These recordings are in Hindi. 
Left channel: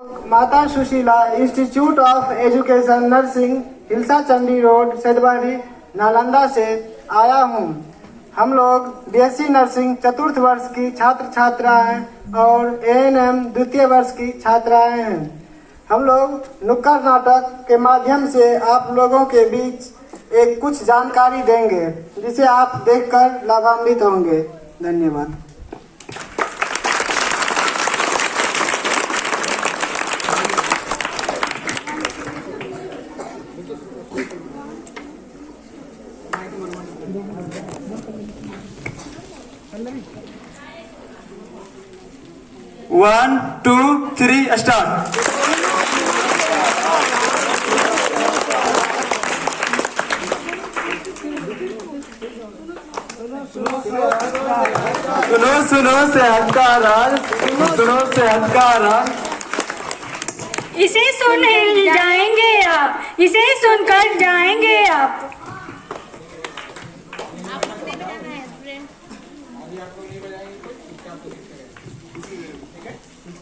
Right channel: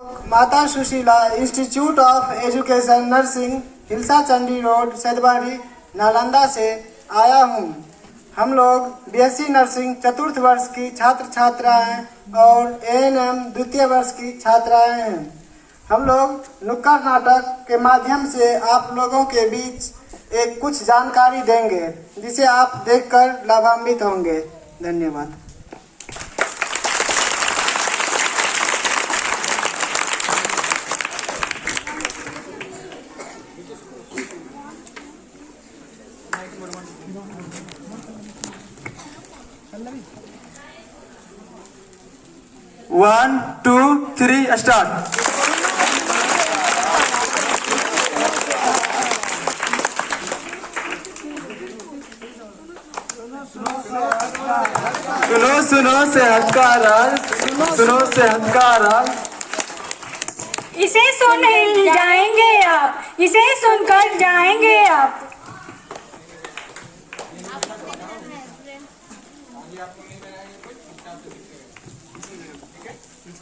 माता Sushila institute of education nursing Hilsa Chandi road Saidbari Nalanda से आया हूँ। हम लोग बीएससी नर्सिंग चतुर्थ वर्ष की छात्र छात्राएं और एएनएम द्वितीय वर्ष की छात्राएं हैं। हम लोग नुक्कड़ नाटक के माध्यम से आप लोगों के बीच एक कुछ जानकारी देंगे जिसे आप देखकर लाभान्वित होंगे। धन्यवाद। One two three start. सुनो सेहत का राज, सुनो सेहत का राज। इसे सुन जाएंगे आप, इसे सुनकर जाएंगे आप।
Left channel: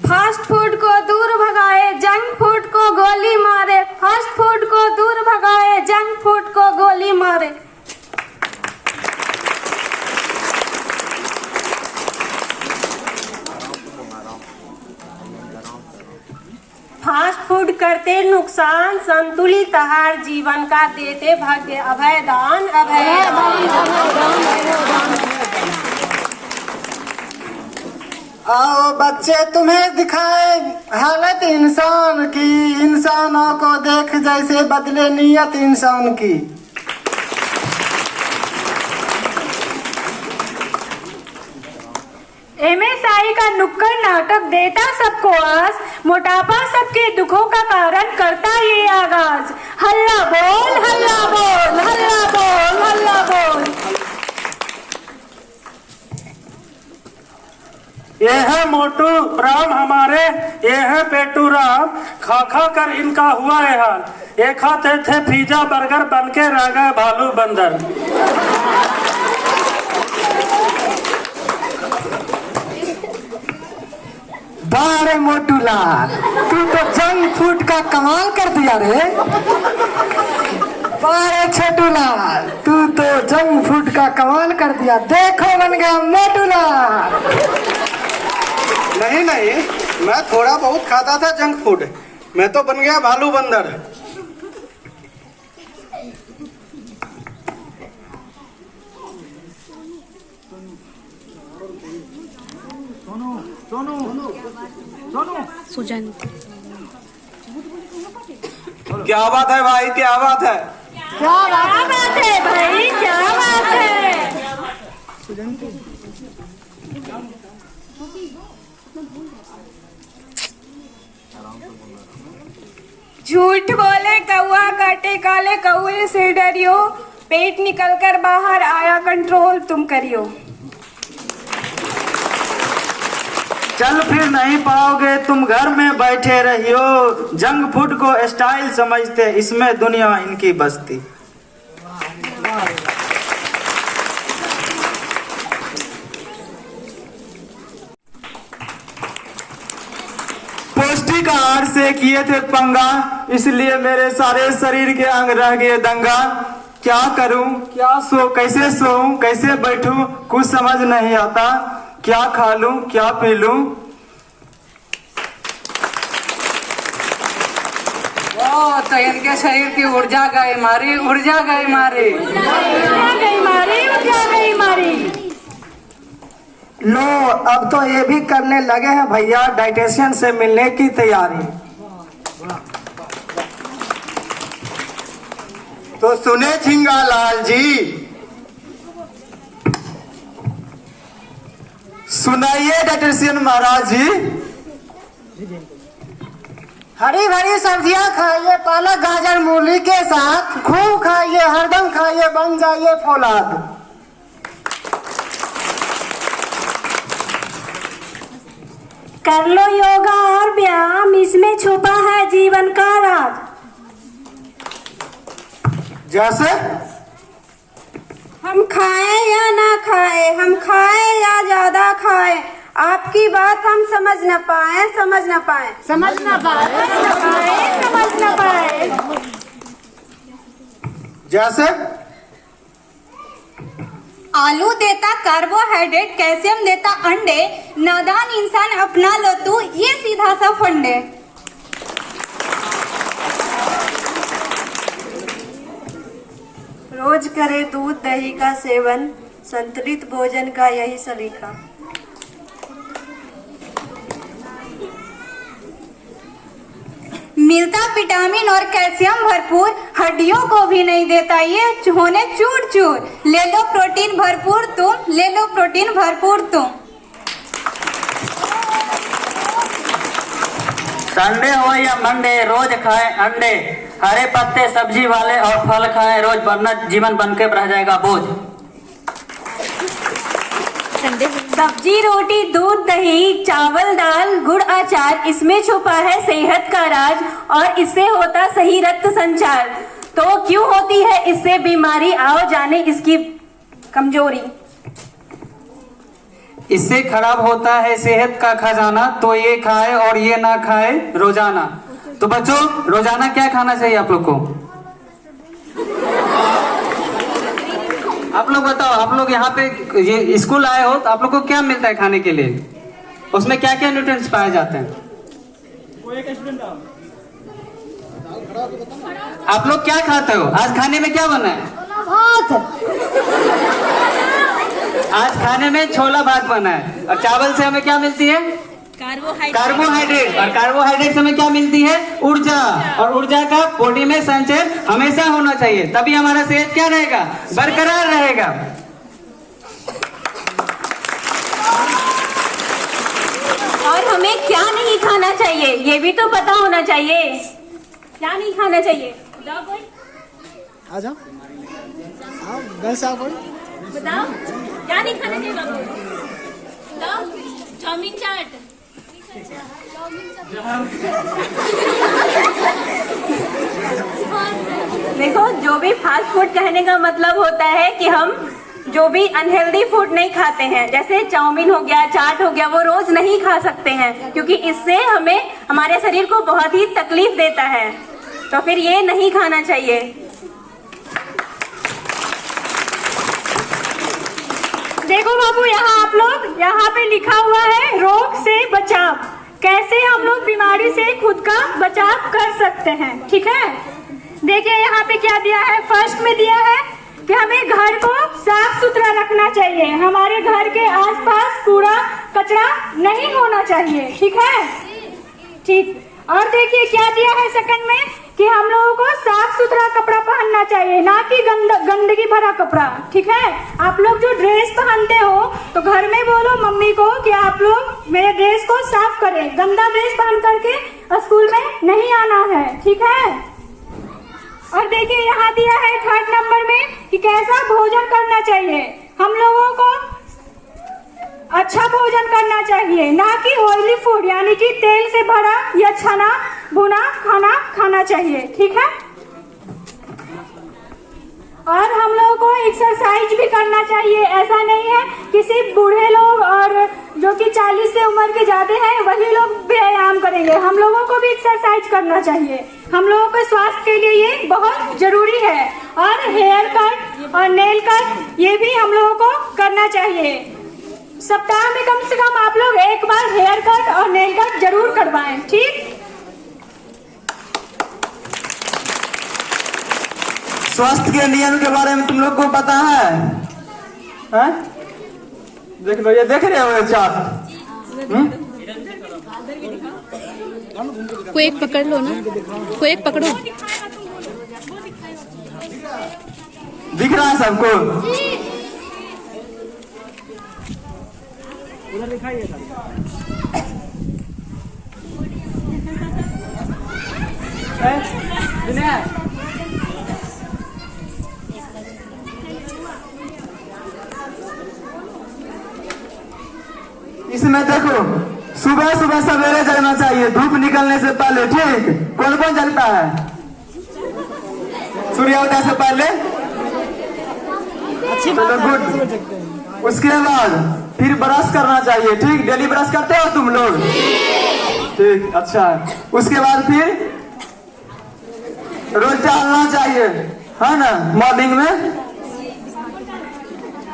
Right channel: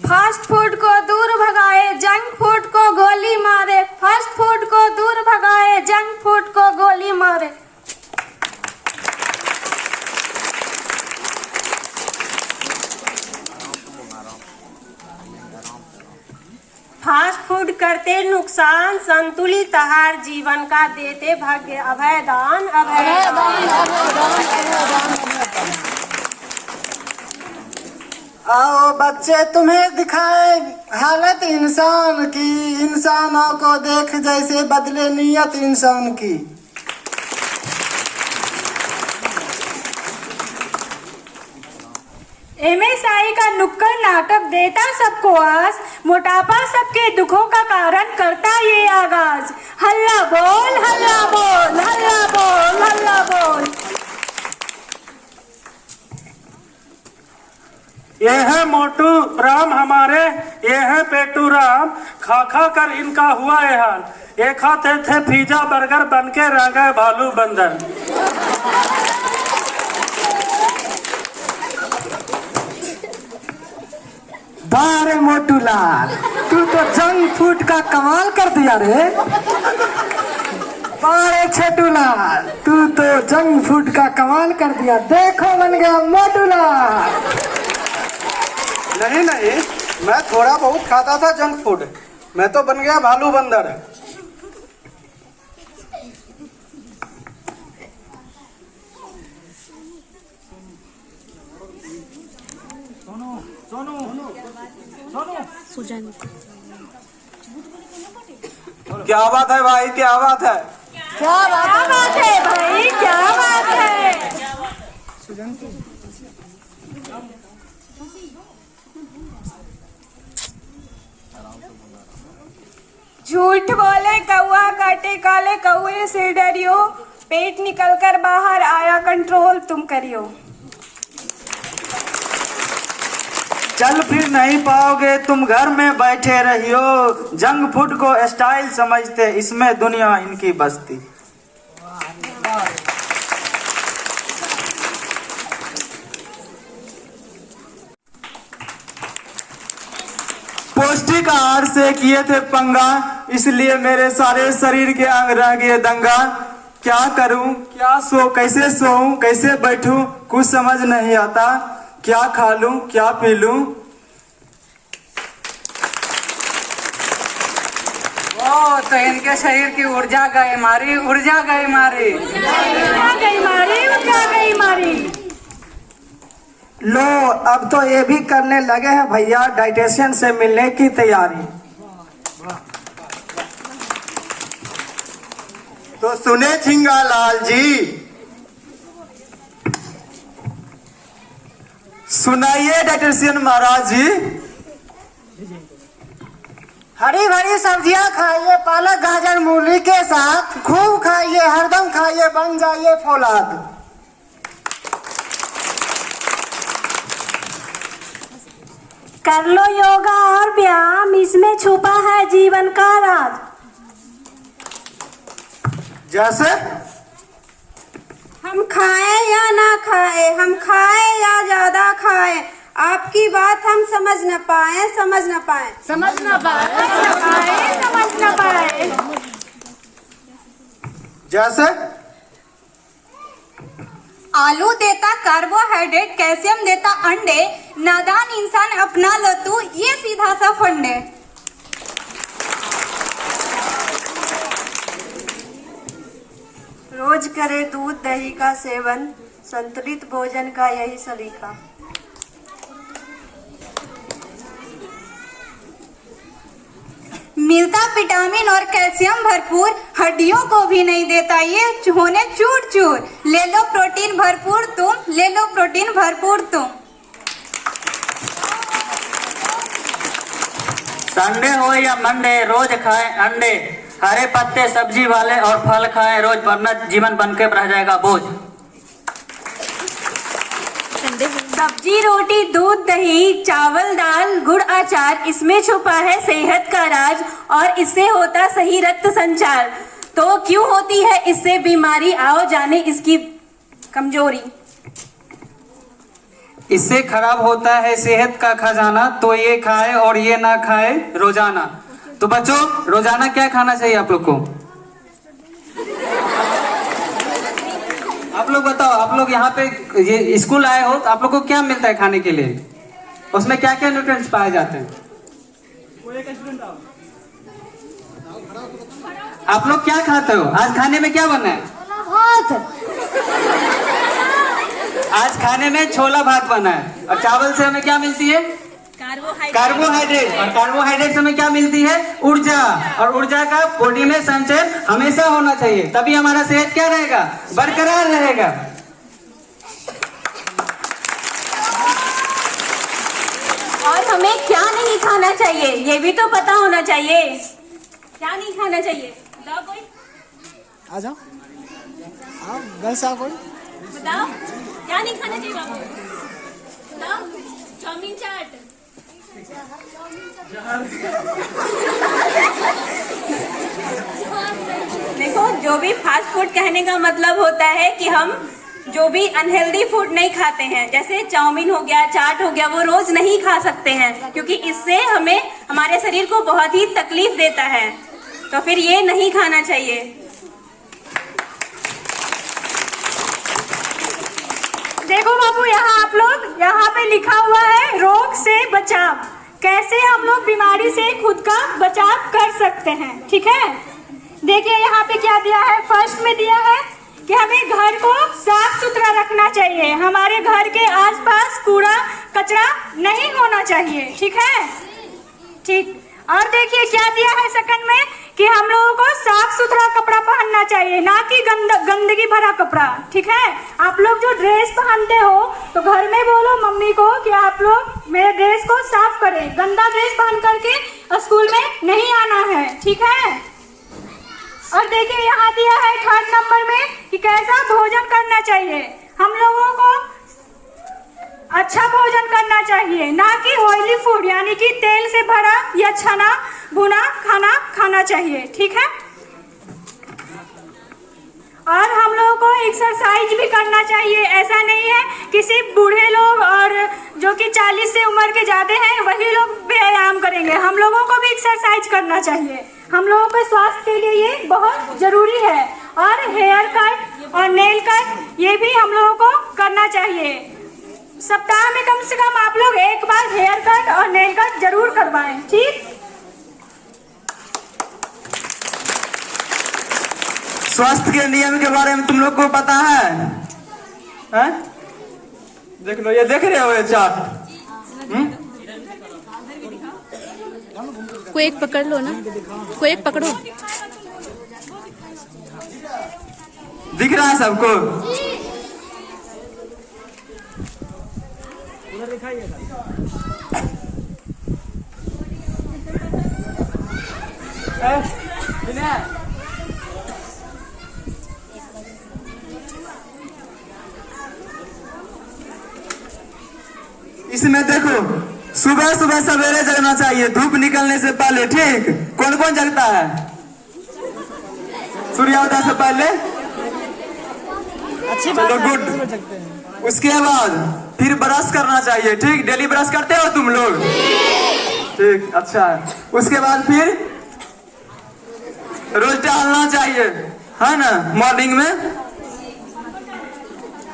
फास्ट फूड को दूर भगाए, जंक फूड को गोली मारे। फास्ट फूड को दूर भगाए, जंक फूड को गोली मारे। फास्ट फूड करते नुकसान, संतुलित आहार जीवन का देते भाग्य अभय दान। आओ बच्चे तुम्हें दिखाए हालत इंसान की, इंसानों को देख जैसे बदले नियत इंसान की। एमएसआई का नुक्कड़ नाटक देता सबको आस, मोटापा सबके दुखों का कारण करता ये आगाज। हल्ला बोल, हल्ला बोल, हल्ला बोल, हल्ला बोल। ये है मोटू राम हमारे, ये है पेटू राम। खा खा कर इनका हुआ है हाल। ये खाते थे पिज्जा बर्गर, बन के रह गए भालू बंदर। बारे मोटूलाल, तू तो जंक फूड का कमाल कर दिया रे। बारे छोटूलाल, तू तो जंक फूड का कमाल कर दिया। देखो बन गया मोटूलाल। नहीं, मैं थोड़ा बहुत खाता था जंक फूड, मैं तो बन गया भालू बंदर। क्या बात है भाई, क्या बात है? क्या बात है भाई, क्या बात है? झूठ बोले कौआ, काटे काले कौए से डरियो। पेट निकल कर बाहर आया, कंट्रोल तुम करियो। चल फिर नहीं पाओगे तुम, घर में बैठे रहियो। जंक फूड को स्टाइल समझते, इसमें दुनिया इनकी बसती। पौष्टिक आहार से किए थे पंगा, इसलिए मेरे सारे शरीर के अंग रह गए दंगा। क्या करूं, क्या कैसे सोऊं, कैसे बैठूं, कुछ समझ नहीं आता। क्या खा लूं, क्या पी लूं। तो इनके शरीर की ऊर्जा गई मारी, ऊर्जा गई मारी, ऊर्जा गई मारी, ऊर्जा गई मारी। लो अब तो ये भी करने लगे हैं भैया डाइटिशियन से मिलने की तैयारी। तो सुने झिंगा लाल जी, सुनाइए डाइटिशियन महाराज जी। हरी भरी सब्जियां खाइए, पालक गाजर मूली के साथ खूब खाइए, हरदम खाइए, बन जाइए फौलाद। कर लो योगा और व्यायाम, इसमें छुपा है जीवन का राज। जैसे हम खाएं या ना खाएं, हम खाएं या ज्यादा खाएं, आपकी बात हम समझ न पाए, समझ न पाए। समझ ना पाए, समझ ना पाए। जैसे आलू देता कार्बोहाइड्रेट, कैल्शियम देता अंडे, नादान इंसान अपना लो तू ये सीधा सा फंडे। रोज करे दूध दही का सेवन, संतुलित भोजन का यही सलीका। मिलता विटामिन और कैल्शियम भरपूर, हड्डियों को भी नहीं देता ये होने चूर चूर। ले लो प्रोटीन भरपूर तुम, ले लो प्रोटीन भरपूर तुम। संडे हो या मंडे रोज खाए अंडे, हरे पत्ते सब्जी वाले और फल खाए रोज, वरना जीवन बनके रह जाएगा बोझ। सब्जी रोटी दूध दही चावल दाल गुड़ अचार, इसमें छुपा है सेहत का राज और इससे होता सही रक्त संचार। तो क्यों होती है इससे बीमारी, आओ जाने इसकी कमजोरी। इससे खराब होता है सेहत का खजाना, तो ये खाए और ये ना खाए रोजाना। तो बच्चों रोजाना क्या खाना चाहिए आप लोग को? आप लोग बताओ, आप लोग यहाँ पे ये स्कूल आए हो तो आप लोग को क्या मिलता है खाने के लिए? उसमें क्या क्या न्यूट्रिएंट्स पाए जाते हैं? आप लोग क्या खाते हो? आज खाने में क्या बना है? आज खाने में छोला भात बना है। और चावल से हमें क्या मिलती है? कार्बोहाइड्रेट। और कार्बोहाइड्रेट से हमें क्या मिलती है? ऊर्जा। और ऊर्जा का बॉडी में संचय हमेशा होना चाहिए, तभी हमारा सेहत क्या रहेगा? बरकरार रहेगा। और हमें क्या नहीं खाना चाहिए ये भी तो पता होना चाहिए। क्या नहीं खाना चाहिए बताओ कोई? आ जाओ, बताओ क्या नहीं खाना चाहिए बाबू? बताओ। चाउमीन चाट। देखो, जो भी फास्ट फूड कहने का मतलब होता है कि हम जो भी अनहेल्दी फूड नहीं खाते हैं, जैसे चाउमीन हो गया चाट हो गया, वो रोज नहीं खा सकते हैं क्योंकि इससे हमें हमारे शरीर को बहुत ही तकलीफ देता है। तो फिर ये नहीं खाना चाहिए। देखो बाबू, आप लोग यहाँ पे लिखा हुआ है रोग से बचाव, कैसे हम लोग बीमारी से खुद का बचाव कर सकते हैं। ठीक है, देखिए यहाँ पे क्या दिया है। फर्स्ट में दिया है कि हमें घर को साफ सुथरा रखना चाहिए, हमारे घर के आसपास कूड़ा कचरा नहीं होना चाहिए। ठीक है, ठीक। और देखिए क्या दिया है सेकंड में कि हम लोगों को साफ सुथरा कपड़ा पहनना चाहिए, ना कि गंदगी भरा कपड़ा। ठीक है, आप लोग जो ड्रेस पहनते हो तो घर में बोलो मम्मी को कि आप लोग मेरे ड्रेस को साफ करें, गंदा ड्रेस पहन करके स्कूल में नहीं आना है। ठीक है। और देखिए यहाँ दिया है थर्ड नंबर में कि कैसा भोजन करना चाहिए। हम लोगों को अच्छा भोजन करना चाहिए, ना कि ऑयली फूड यानी कि तेल से भरा या छना भुना खाना खाना चाहिए। ठीक है। और हम लोगों को एक्सरसाइज भी करना चाहिए। ऐसा नहीं है कि सिर्फ बूढ़े लोग और जो कि 40 से उम्र के जाते हैं वही लोग व्यायाम करेंगे, हम लोगों को भी एक्सरसाइज करना चाहिए। हम लोगों के स्वास्थ्य के लिए ये बहुत जरूरी है। और हेयर कट और नेल कट ये भी हम लोगों को करना चाहिए। सप्ताह में कम से कम आप लोग एक बार हेयर कट और नेल कट जरूर करवाएं। ठीक। स्वास्थ्य के नियम के बारे में तुम लोग को पता है? है? देख लो, ये देख रहे हो ये चार्ट? कोई एक पकड़ लो ना, कोई एक पकड़ो। दिख रहा है सबको? इसमें देखो, सुबह सुबह सवेरे जगना चाहिए, धूप निकलने से पहले। ठीक, कौन कौन जगता है सूर्योदय से पहले? चलो गुड। उसके बाद फिर ब्रश करना चाहिए, ठीक। डेली ब्रश करते हो तुम लोग? ठीक, अच्छा है। उसके बाद फिर रोज टहलना चाहिए, है ना? मॉर्निंग में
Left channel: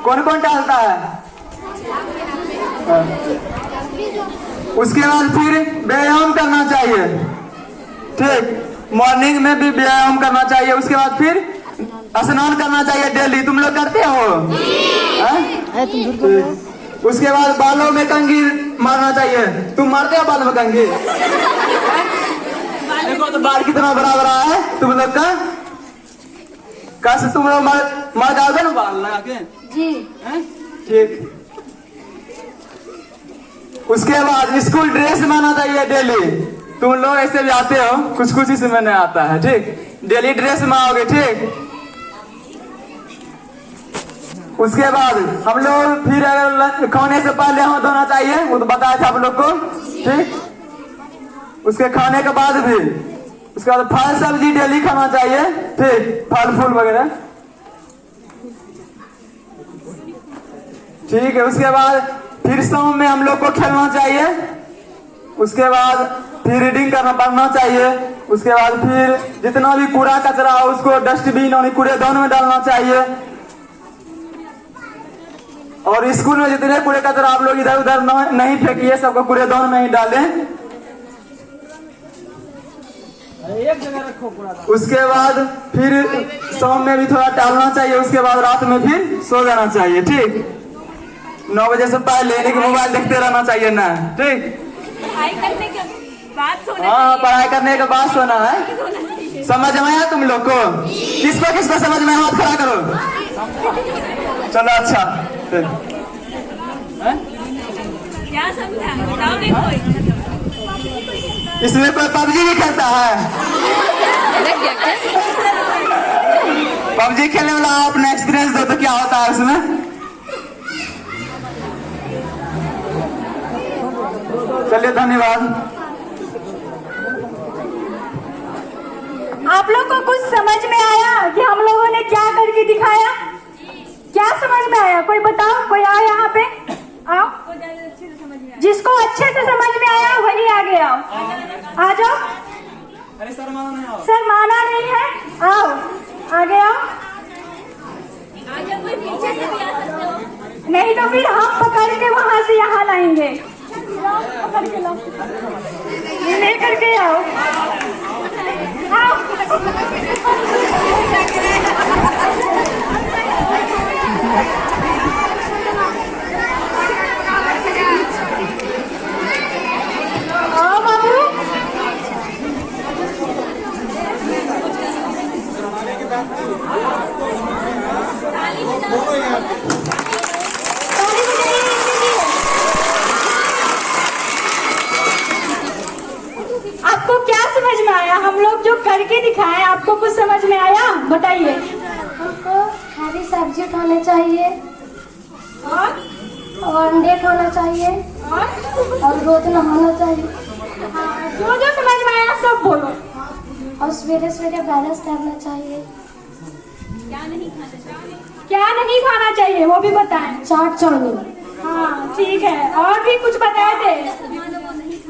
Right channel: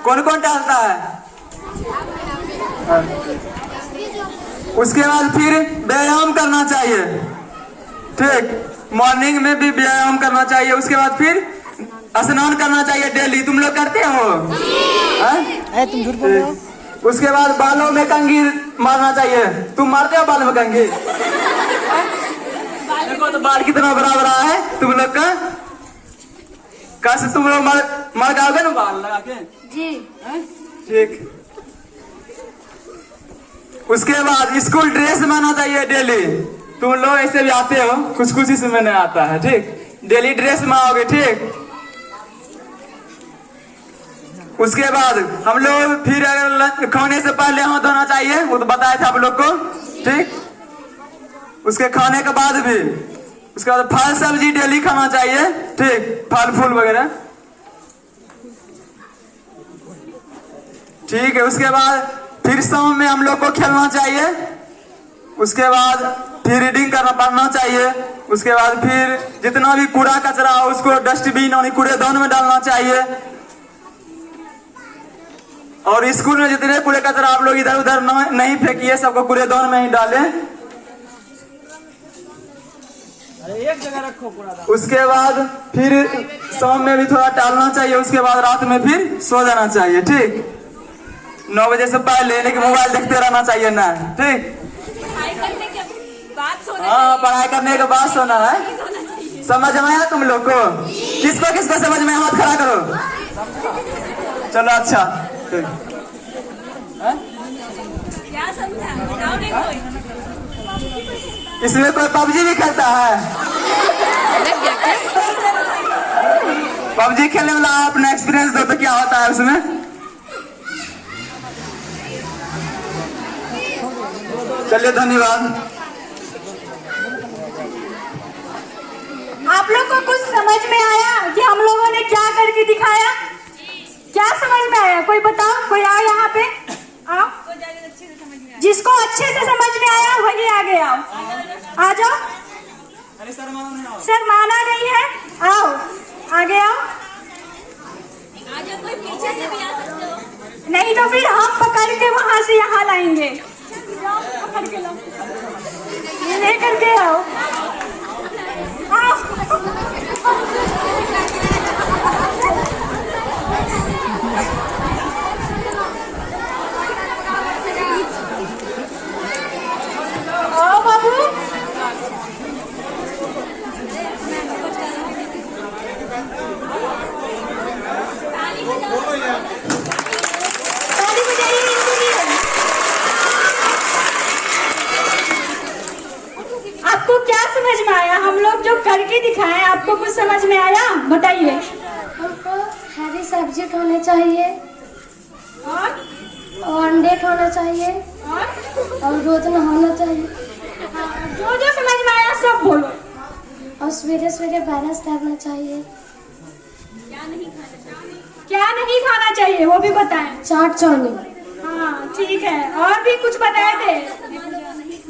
कौन कौन टहलता है? उसके बाद फिर व्यायाम करना चाहिए, ठीक। मॉर्निंग में भी व्यायाम करना चाहिए। उसके बाद फिर स्नान करना चाहिए डेली। तुम लोग करते हो? ठीक। उसके बाद बालों में कंघी मारना चाहिए। तुम मारते हो बालों में कंघी? देखो तो बाल कितना बड़ा बड़ा है तुम लोग का। कैसे तुम लोग मार डालोगे ना बाल लगा के? जी। ठीक। उसके बाद स्कूल ड्रेस बनाना चाहिए डेली। तुम लोग ऐसे भी आते हो, कुछ कुछ इसमें नहीं आता है, ठीक। डेली ड्रेस बनाओगे, ठीक। उसके बाद हम लोग फिर अगर खाने से पहले हाथ धोना चाहिए, वो तो बताया था आप लोग को, ठीक। उसके खाने के बाद भी उसके बाद फल सब्जी डेली खाना चाहिए, ठीक। फल फूल वगैरह, ठीक है। उसके बाद फिर शाम में हम लोग को खेलना चाहिए। उसके बाद फिर रीडिंग करना पढ़ना चाहिए। उसके बाद फिर जितना भी कूड़ा कचरा हो उसको डस्टबिन और कूड़ेदान में डालना चाहिए। और स्कूल में जितने कूड़े कचरा आप लोग इधर उधर नहीं फेंकिए, सबको कूड़ेदान में ही डालें। उसके बाद फिर शाम में भी थोड़ा टहलना चाहिए। उसके बाद रात में फिर सो जाना चाहिए, ठीक। 9 बजे से पहले लेने के मोबाइल देखते रहना चाहिए ना, ठीक। पढ़ाई करने के बाद सोना हाँ, पढ़ाई करने के बाद सोना है। समझ में आया तुम लोग को? किसको किसको समझ में? हाथ खड़ा करो। चलो, अच्छा। क्या समझा बताओगे? कोई इसमें कोई पबजी भी खेलता है? पबजी खेलने वाला अपना एक्सपीरियंस दो तो क्या होता है उसमें? चलिए, धन्यवाद। आप लोग को कुछ समझ में आया कि हम लोगों ने क्या करके दिखाया? क्या समझ में आया? कोई बताओ, कोई आया यहाँ पे? आप जिसको अच्छे से समझ में आया वही आगे आओ। आ जाओ। अरे सर माना नहीं है, आओ आगे आओ। कोई पीछे से भी आ सकते हो। नहीं तो फिर हम पकड़ के वहां से यहाँ लाएंगे। लेकर के आओ। आपको क्या समझ में आया? हम लोग जो करके दिखाए, आपको कुछ समझ में आया? बताइए। हमको हरी सब्जी खाने चाहिए और अंडे खाना चाहिए और रोज नहाना चाहिए। जो जो समझ में आया सब बोलो। और सवेरे सवेरे बैलेंस करना चाहिए। क्या नहीं खाना चाहिए वो भी बताएं। चाट चाउमीन। हाँ ठीक है, और भी कुछ बताए थे?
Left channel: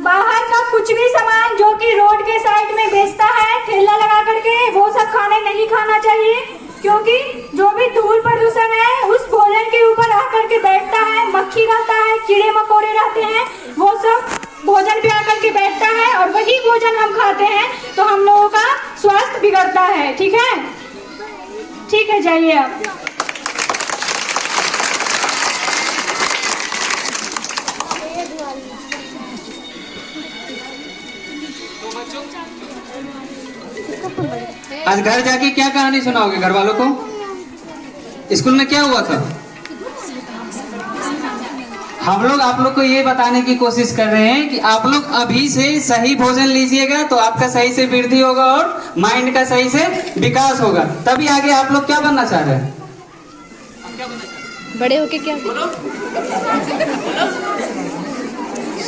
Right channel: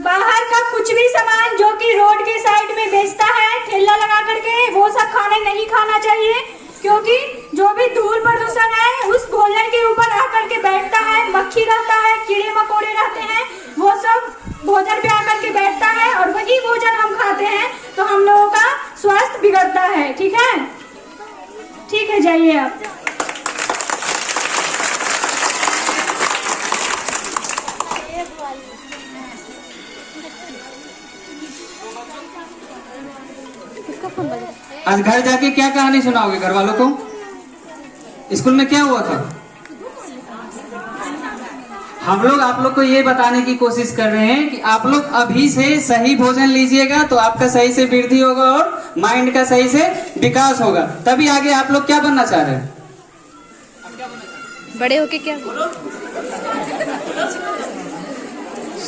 बाहर का कुछ भी सामान जो कि रोड के साइड में बेचता है ठेला लगा करके, वो सब खाने नहीं खाना चाहिए, क्योंकि जो भी धूल प्रदूषण है उस भोजन के ऊपर आकर के बैठता है, मक्खी रहता है, कीड़े मकोड़े रहते हैं, वो सब भोजन पे आकर के बैठता है और वही भोजन हम खाते हैं तो हम लोगों का स्वास्थ्य बिगड़ता है। ठीक है, ठीक है, जाइए आप। आज घर जाके क्या कहानी सुनाओगे घर वालों को? स्कूल में क्या हुआ था? हम लोग आप लोग को ये बताने की कोशिश कर रहे हैं कि आप लोग अभी से सही भोजन लीजिएगा तो आपका सही से वृद्धि होगा और माइंड का सही से विकास होगा, तभी आगे आप लोग क्या बनना चाह रहे हैं? बड़े होके क्या?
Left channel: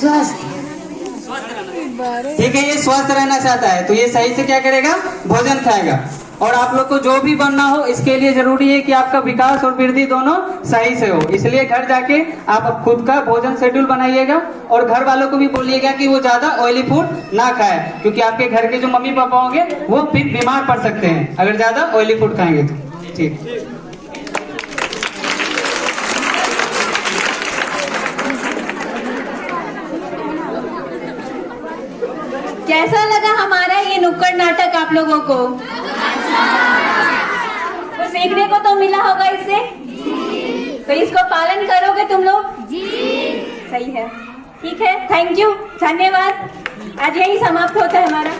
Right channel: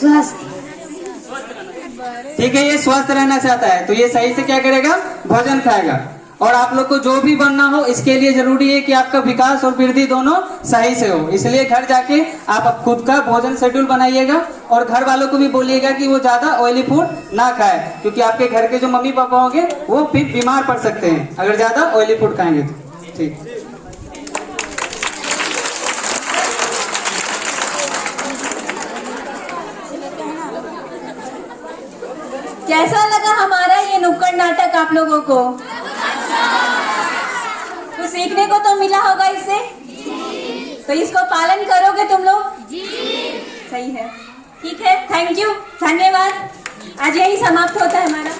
स्वस्थ। ठीक है, ये स्वस्थ रहना चाहता है तो ये सही से क्या करेगा? भोजन खाएगा। और आप लोग को जो भी बनना हो इसके लिए जरूरी है कि आपका विकास और वृद्धि दोनों सही से हो। इसलिए घर जाके आप खुद का भोजन शेड्यूल बनाइएगा और घर वालों को भी बोलिएगा कि वो ज्यादा ऑयली फूड ना खाए, क्योंकि आपके घर के जो मम्मी पापा होंगे वो फिर बीमार पड़ सकते हैं अगर ज्यादा ऑयली फूड खाएंगे तो। ठीक। कैसा लगा हमारा ये नुक्कड़ नाटक आप लोगों को? तो सीखने को तो मिला होगा इससे, तो इसको पालन करोगे तुम लोग? जी। सही है, ठीक है, थैंक यू, धन्यवाद। आज यही समाप्त होता है हमारा।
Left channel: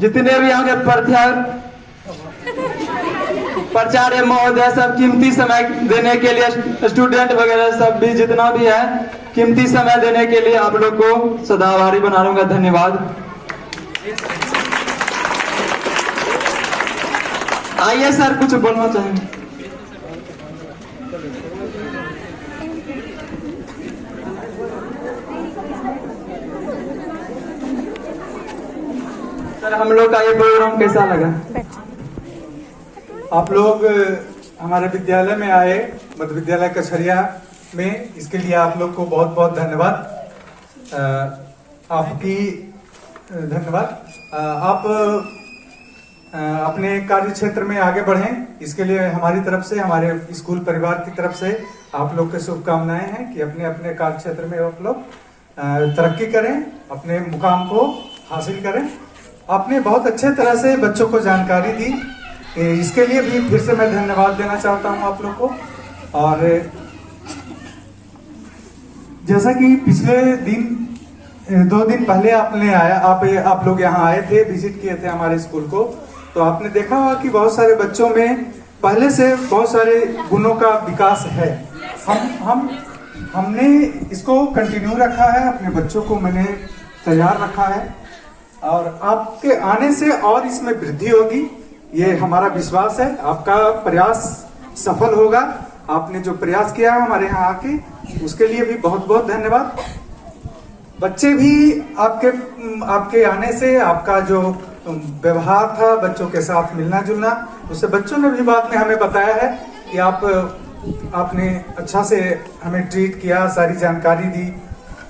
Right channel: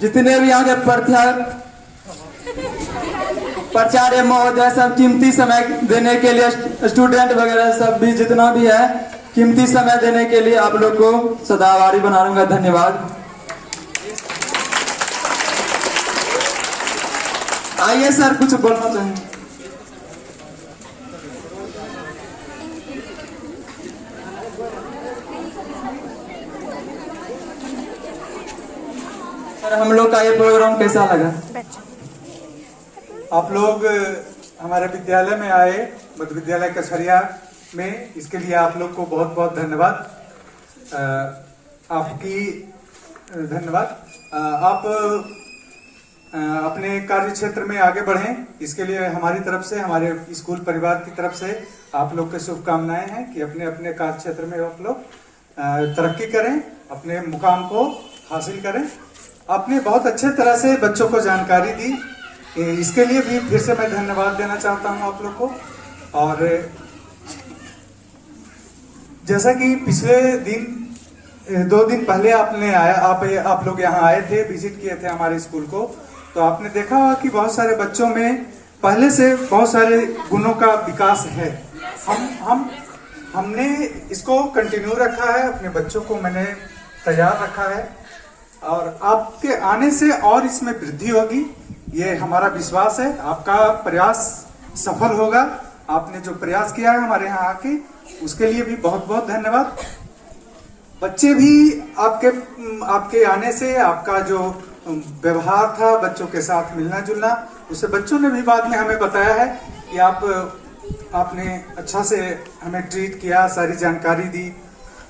जितने भी आगे प्राचार्य महोदय सब कीमती समय देने के लिए, स्टूडेंट वगैरह सब भी जितना भी है कीमती समय देने के लिए आप लोग को सदा आभारी बना लूंगा। धन्यवाद। आइए सर, कुछ बोलना चाहेंगे? सर, हम लोग का ये प्रोग्राम कैसा लगा? आप लोग हमारे विद्यालय में आए, मध्य विद्यालय कछरिया में, इसके लिए आप लोग को बहुत बहुत धन्यवाद। आपकी धन्यवाद। आप अपने कार्य क्षेत्र में आगे बढ़ें, इसके लिए हमारी तरफ से, हमारे स्कूल परिवार की तरफ से आप लोग के शुभकामनाएं हैं कि अपने अपने कार्य क्षेत्र में आप लोग तरक्की करें, अपने मुकाम को हासिल करें। आपने बहुत अच्छे तरह से बच्चों को जानकारी दी, इसके लिए भी फिर से मैं धन्यवाद देना चाहता हूं आप लोग को। और जैसा कि पिछले दिन 2 दिन पहले आप लोग यहाँ आए थे, विजिट किए थे हमारे स्कूल को, तो आपने देखा होगा कि बहुत सारे बच्चों में पहले से बहुत सारे गुणों का विकास है। हमने इसको कंटिन्यू रखा है, अपने बच्चों को मैंने तैयार रखा है और आपके आने से और इसमें वृद्धि होगी, ये हमारा विश्वास है। आपका प्रयास सफल होगा। आपने जो प्रयास किया है हमारे यहाँ आके, उसके लिए भी बहुत बहुत धन्यवाद। बच्चे भी आपके आने से, आपका जो व्यवहार था बच्चों के साथ मिलना जुलना, उससे बच्चों ने भी बाद में हमें बताया है कि आपने अच्छा से हमें ट्रीट किया, सारी जानकारी दी।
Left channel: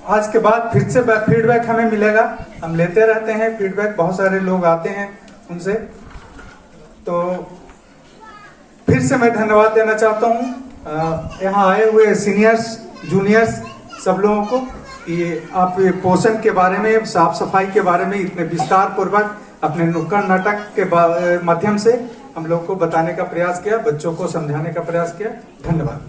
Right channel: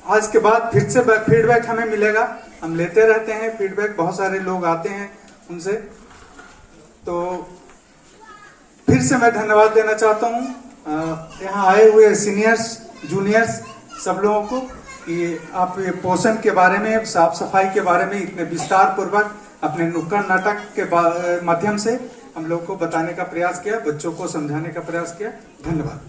आज के बाद फिर से फीडबैक हमें मिलेगा, हम लेते रहते हैं फीडबैक, बहुत सारे लोग आते हैं उनसे। तो फिर से मैं धन्यवाद देना चाहता हूँ यहाँ आए हुए सीनियर्स, जूनियर्स, सब लोगों को कि आप ये पोषण के बारे में, साफ सफाई के बारे में इतने विस्तार पूर्वक अपने नुक्कड़ नाटक के माध्यम से हम लोग को बताने का प्रयास किया, बच्चों को समझाने का प्रयास किया। धन्यवाद।